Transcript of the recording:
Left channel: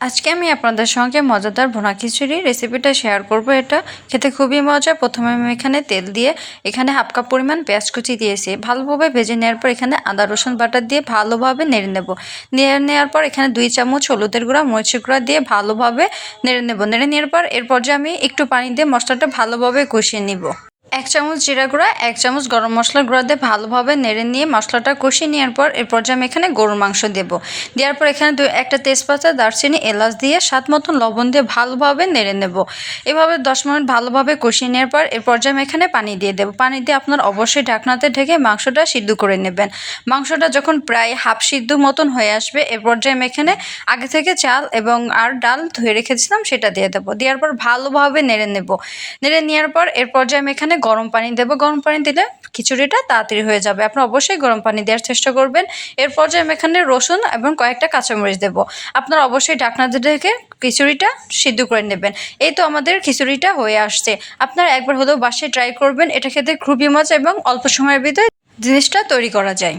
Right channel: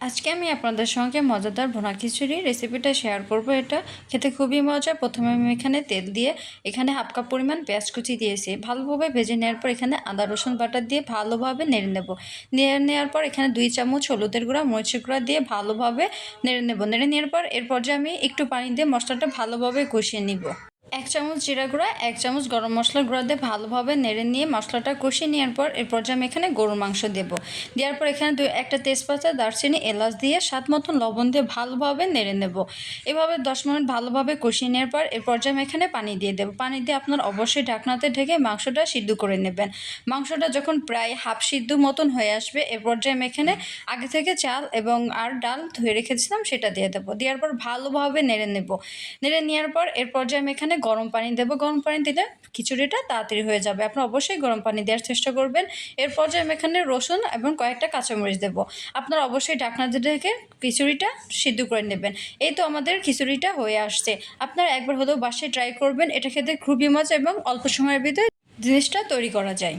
আজকে আমি আপনাদের সঙ্গে মজাদার ভুনা খিচুড়ি রেসিপিটা শেয়ার করব। এটা খেতে খুবই মজা। প্রথমে আমি এখানে তেল দিয়ে এখানে হাফ কাপ পরিমাণ পেঁয়াজ কুচি দিয়েছি। ভালোভাবে ভেজে নেওয়ার পর এখানে আদা রসুন বাটা দিয়ে ভালোভাবে নেড়ে নেব। নেওয়ার পর এখানে 2 চামচ হলুদের গুঁড়া মরিচের গুঁড়া দিয়ে ভালোভাবে নেড়ে নেব। নেড়ে নেওয়ার পর এরপর যে আমি একটু পানি দিয়ে মশলাটা ভালোভাবে কষিয়ে নিব। 1 চামচ জিরা গুঁড়া 1 চামচ গরম মশলার গুঁড়া দিয়ে ভালোভাবে নেড়ে নিয়ে মশলাটা কষিয়ে নেওয়ার পর এরপর যে আমি এখানে গরুর মাংস দেবো। দেওয়ার পর এখানে একটা তেজপাতা দারচিনি এলাচ দিয়ে স্বাদ মতন লবণ দিয়ে ভালোভাবে নেড়ে নেব। এভাবে 10 মিনিট ভালোভাবে কষিয়ে নেওয়ার পর এরপর যে আমি এখানে পানি দিয়ে দেবো। পানি দিয়ে আপনার অবশ্যই ঢাকনাতে ঢেকে মাংসটা সিদ্ধ করে নেবেন। মাংসটা যখন প্রায় হাফ সিদ্ধ মতন হয়ে আসবে এরপর যে আমি এখানে আগে থেকে চাল এবং ডাল ধুয়ে রেখেছিলাম সেটা দিয়ে দেবো। দেওয়ার পর ভালোভাবে নেড়ে নেব। নেড়ে নেওয়ার পর এরপর যে আমি এখানে গরম পানি দেবো। গরম পানি দিলে খিচুড়িটা তাড়াতাড়ি হয়ে যাবে। আপনি অবশ্যই গরম পানি দেওয়ার চেষ্টা করবেন। এরপর যে আমি এখানে রসুন এবং কয়েকটা কাঁচামরিচ দেবো। আপনারা অবশ্যই ঢাকনাতে ঢেকে খিচুড়িটা সিদ্ধ করে নেবেন। এই তো আমাদের খিচুড়িটা হয়ে আসছে। আপনারা একবার হলেও বাসায় ট্রাই করবেন। এটা খেতে খুবই মজা এবং অল্প সময়ের ভিতরে জিনিসটা তৈরি করা যায়।